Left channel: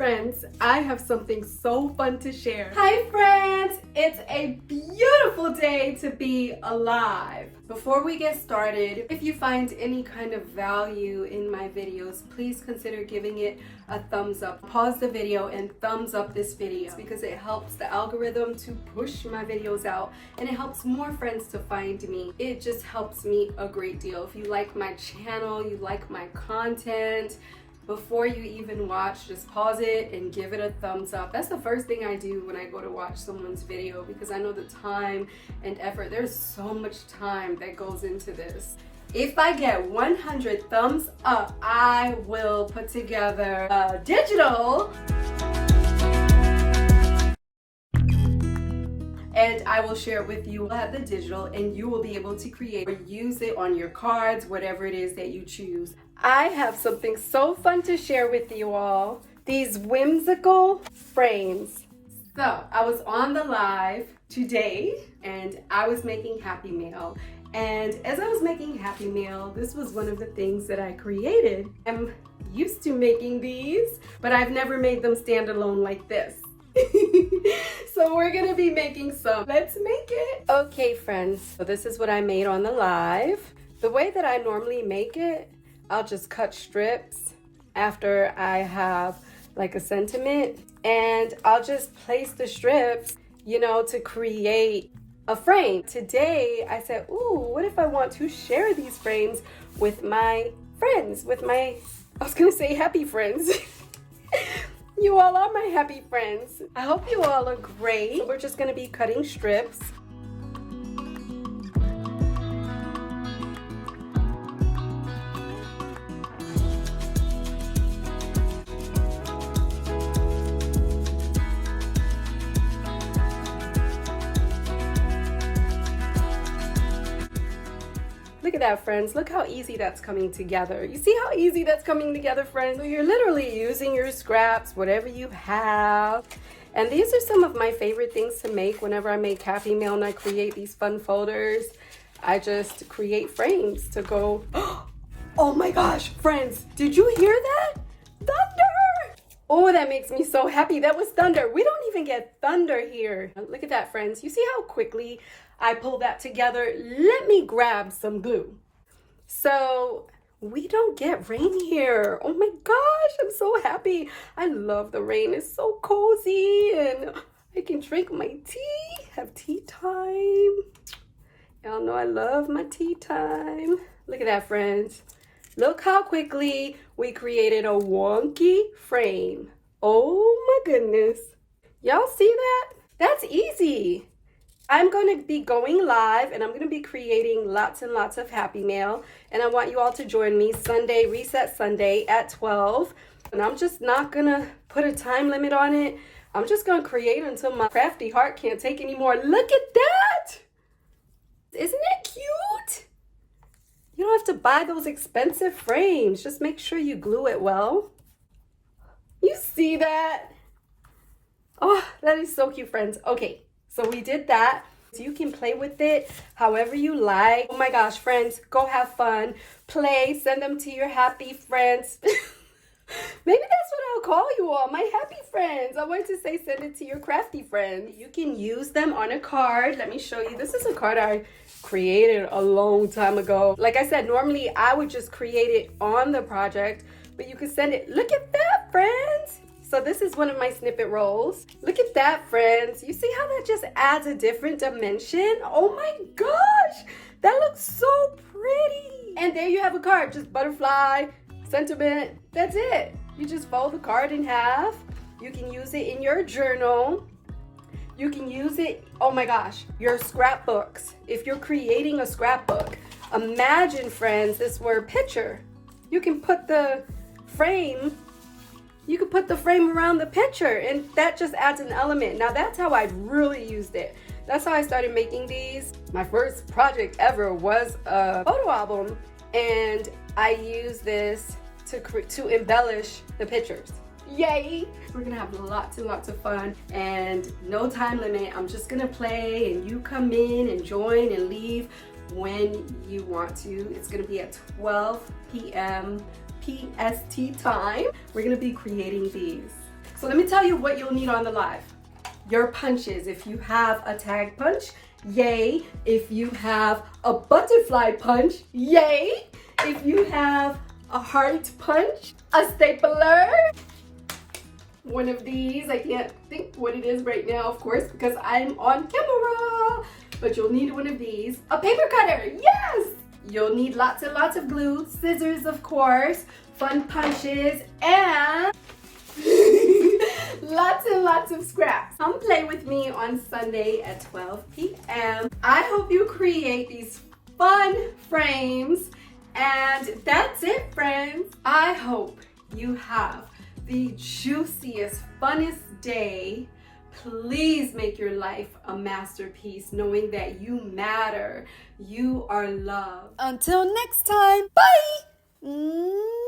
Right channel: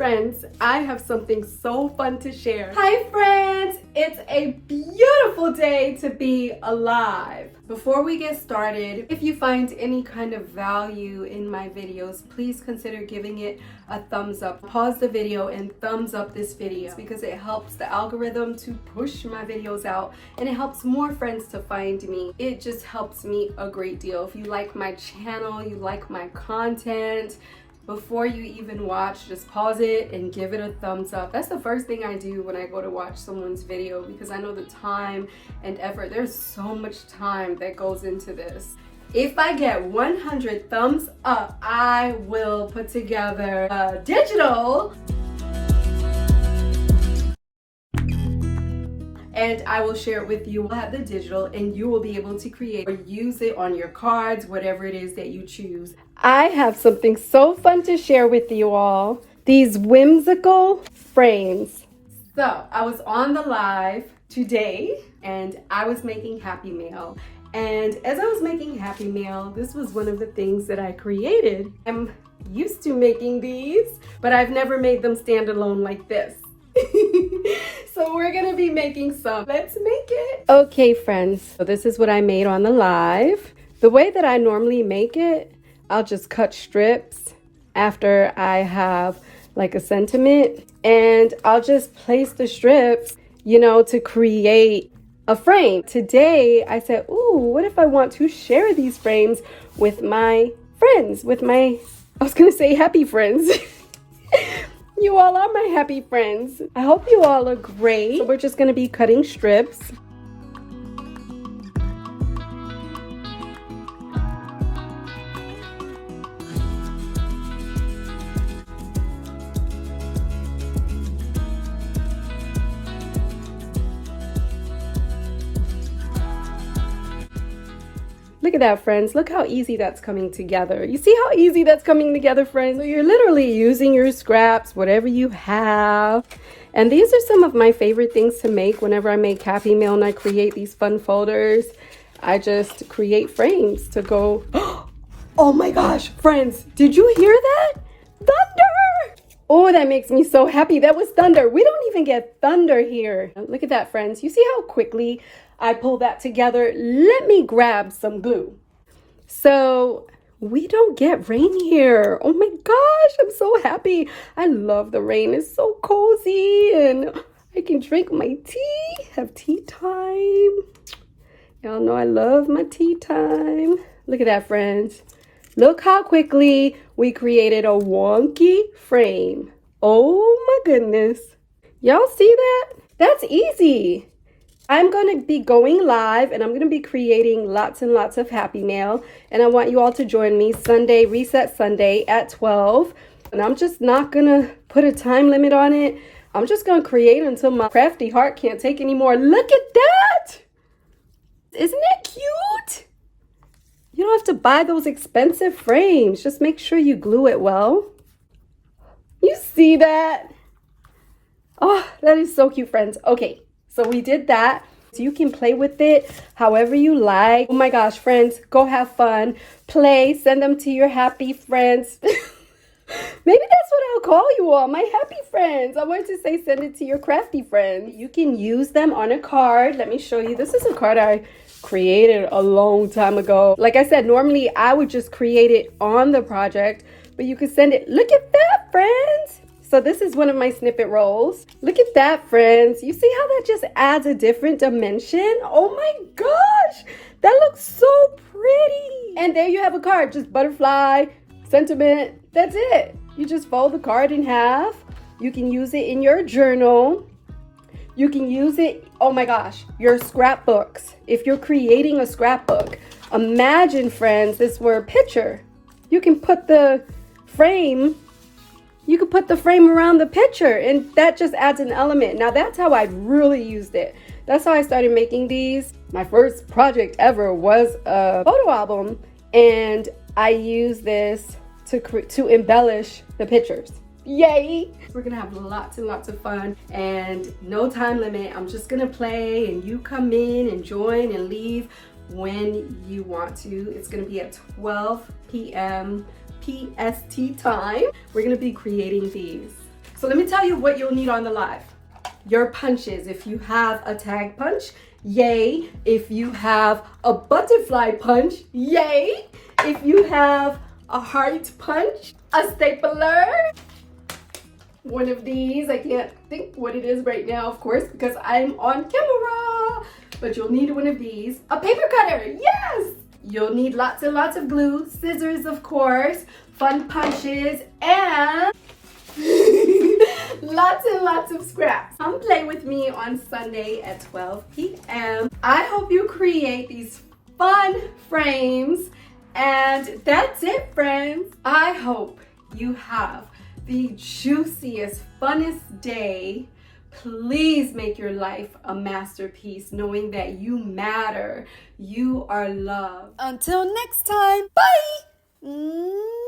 friends, I have something so fun to share. Hi friends, it's a beautiful day to be alive. Before we get started, if you find any kind of value in my videos, please consider giving it a thumbs up. Pause the video and thumbs up this video because it helps the algorithm to push my videos out and it helps more friends to find me. It just helps me a great deal. If you like my channel, you like my content, before you even watch, just pause it and give it a thumbs up. That's the first thing I do when I go to watch someone's video because I know the time and effort. There's so much time that goes into this. If I get 100 thumbs up, I will put together a digital and I will share it with you. I'll have the digital and you will be able to create or use it on your cards, whatever it is that you choose. I have something so fun to share with you all. These whimsical frames. So I was on the live today and I was making Happy Mail. And as I was making Happy Mail, this was one of the things that I created. I'm used to making these, but I've never made them stand alone like this. So we're gonna be making some. Let's make it. Okay friends, so this is what I made on the live. The way that I normally make it, I'll just cut strips after I have like a sentiment and I'll just place the strips, you know, to create a frame. Today I said, ooh, what if I want to share these frames with my friends, I was gonna say happy friends. You all are my happy friends. I hope you all are great. So we're just gonna be cutting strips. Look at that, friends. Look how easy that's coming together. You see how easy that's coming together, friends? So you're literally using your scraps, whatever you have. And these are some of my favorite things to make whenever I make Happy Mail and I create these fun folders. I just create frames to go. Oh my gosh, friends, did you hear that? Thunder! Oh, that makes me so happy. That was thunder. We don't even get thunder here. Look at that, friends. You see how quickly I pull that together. Let me grab some glue. So we don't get rain here. Oh my gosh, I'm so happy. I love the rain. It's so cozy and I can drink my tea, have tea time. Y'all know I love my tea time. Look at that, friends. Look how quickly we created a wonky frame. Oh my goodness. Y'all see that? That's easy. I'm going to be going live and I'm going to be creating lots and lots of Happy Mail. And I want you all to join me Sunday, Reset Sunday at 12. And I'm just not going to put a time limit on it. I'm just going to create until my crafty heart can't take anymore. Look at that! Isn't it cute? You don't have to buy those expensive frames. Just make sure you glue it well. You see that? Oh, that is so cute, friends. Okay. So we did that. So you can play with it however you like. Oh my gosh, friends, go have fun. Play, send them to your happy friends. Maybe that's what I'll call you all, my happy friends. I wanted to say send it to your crafty friends. You can use them on a card. Let me show you. This is a card I created a long time ago. Like I said, normally I would just create it on the project, but you could send it. Look at that, friends. So this is one of my snippet rolls. Look at that, friends. You see how that just adds a different dimension? Oh my gosh, that looks so pretty. And there you have a card, just butterfly, sentiment, that's it. You just fold the card in half. You can use it in your journal. You can use it, oh my gosh, your scrapbooks. If you're creating a scrapbook, imagine, friends, this were a picture. You can put the frame around the picture and that just adds an element. Now that's how I really used it. That's how I started making these. My first project ever was a photo album and I used this to embellish the pictures. Yay! We're gonna have lots and lots of fun and no time limit. I'm just gonna play and you come in and join and leave when you want to. It's gonna be at 12 p.m. PST time. We're gonna be creating these. So let me tell you what you'll need on the live. Your punches. If you have a tag punch, yay. If you have a butterfly punch, yay. If you have a heart punch, a stapler, one of these. I can't think what it is right now, of course, because I'm on camera. But you'll need one of these. A paper cutter, yes! You'll need lots and lots of glue, scissors, of course, fun punches, and lots and lots of scraps. Come play with me on Sunday at 12 p.m. I hope you create these fun frames. And that's it, friends. I hope you have the juiciest, funnest day. Please make your life a masterpiece, knowing that you matter. You are loved. Until next time, bye!